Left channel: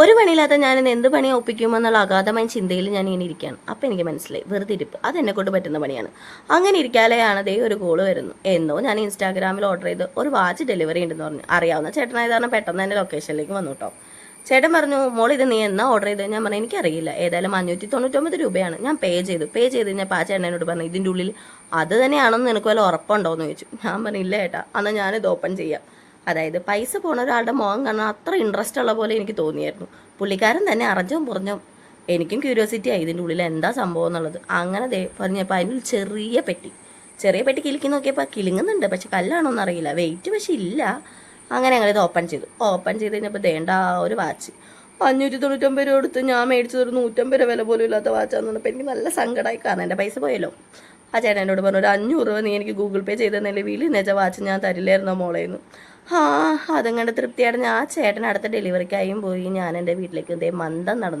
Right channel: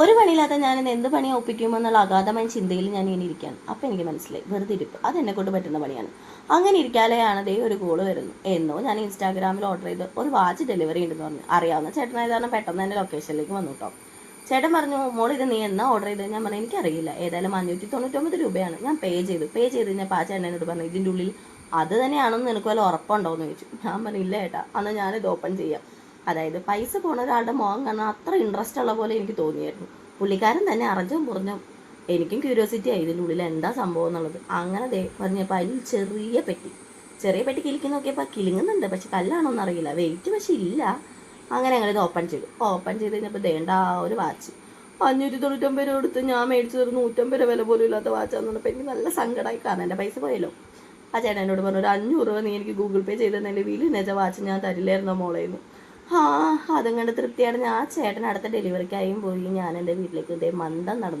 ഒരു പണിയില്ലാത്ത ഞാൻ എന്ത് പണി ഒപ്പിക്കുമെന്നുള്ള അഗാധമായ ചിന്തയിൽ ഞാൻ ഇങ്ങനെ ഇരിക്കുകയാണ്. അപ്പം എനിക്ക് മനസ്സിലായി വെറുതെ ഇരിപ്പ്. അത് എന്നെ കൊണ്ട് പറ്റുന്ന പണിയാണ്. അങ്ങനെ ഇരിക്കാലെയാണ് ദേ ഒരു കോൾ വരുന്നു എന്നോ ഞാൻ ഇൻസ്റ്റാഗ്രാമിൽ ഓർഡർ ചെയ്ത് ഒരു വാച്ച് ഡെലിവറി ഉണ്ടെന്ന് പറഞ്ഞു. അറിയാവുന്ന ചേട്ടനായത് കാരണം പെട്ടെന്ന് എന്റെ ലൊക്കേഷനിലേക്ക് വന്നു കേട്ടോ ചേട്ടൻ പറഞ്ഞു മോൾ ഇത് നീ എന്നാ ഓർഡർ ചെയ്തത് ഞാൻ പറഞ്ഞു എനിക്കറിയില്ല. ഏതായാലും അഞ്ഞൂറ്റി തൊണ്ണൂറ്റൊമ്പത് രൂപയാണ്. ഞാൻ പേ ചെയ്തു. പേ ചെയ്ത് കഴിഞ്ഞപ്പോൾ ആ ചേട്ടനോട് പറഞ്ഞു ഇതിന്റെ ഉള്ളിൽ അത് തന്നെയാണെന്ന് നിനക്ക് വല്ല ഉറപ്പുണ്ടോ? എന്ന് ചോദിച്ചു. ഞാൻ പറഞ്ഞു ഇല്ല ഏട്ടാ എന്നാൽ ഞാനിത് ഓപ്പൺ ചെയ്യാം. അതായത് പൈസ പോണ ഒരാളുടെ മുഖം കാണാൻ അത്ര ഇൻട്രസ്റ്റ് ഉള്ള പോലെ എനിക്ക് തോന്നിയായിരുന്നു. പുള്ളിക്കാരൻ തന്നെ അറിഞ്ഞും പുറഞ്ഞും എനിക്കും ക്യൂരിയോസിറ്റി ആയി ഇതിന്റെ ഉള്ളിൽ എന്താ സംഭവം എന്നുള്ളത്. അങ്ങനെ ദേ പറഞ്ഞപ്പോൾ അതിൽ ചെറിയ പെട്ടി. ചെറിയ പെട്ടി കിലുക്കി നോക്കിയപ്പോൾ കിലുങ്ങുന്നുണ്ട് പക്ഷെ കല്ലാണോന്ന് അറിയില്ല. വെയിറ്റ് പക്ഷെ ഇല്ല. അങ്ങനെ ഞങ്ങളിത് ഓപ്പൺ ചെയ്തു. ഓപ്പൺ ചെയ്ത് കഴിഞ്ഞപ്പോൾ ദേണ്ട ഒരു വാച്ച്. അഞ്ഞൂറ്റി തൊണ്ണൂറ്റൊമ്പത് രൂപ എടുത്ത് ഞാൻ മേടിച്ചത് ഒരു നൂറ്റമ്പത് രൂപ വില പോലും ഇല്ലാത്ത വാച്ചാന്ന് പറഞ്ഞപ്പോൾ എനിക്ക് നല്ല സങ്കടമായി കാരണം എന്റെ പൈസ പോയല്ലോ. ആ ചേട്ടൻ എന്നോട് പറഞ്ഞു ഒരു അഞ്ഞൂറ് രൂപ നീ എനിക്ക് ഗൂഗിൾ പേ ചെയ്തെന്നല്ലേ? നിലവിൽ നെച്ച വാച്ച് ഞാൻ തരില്ലായിരുന്നോ മോളേന്ന്? ആ അതും കണ്ട് തൃപ്തിയായിട്ട് ഞാൻ ആ ചേട്ടൻ അടുത്ത ഡെലിവറിക്കായും പോയി. ഞാൻ എന്റെ വീട്ടിലേക്ക് ഇതേ മന്ദം നടന്നു.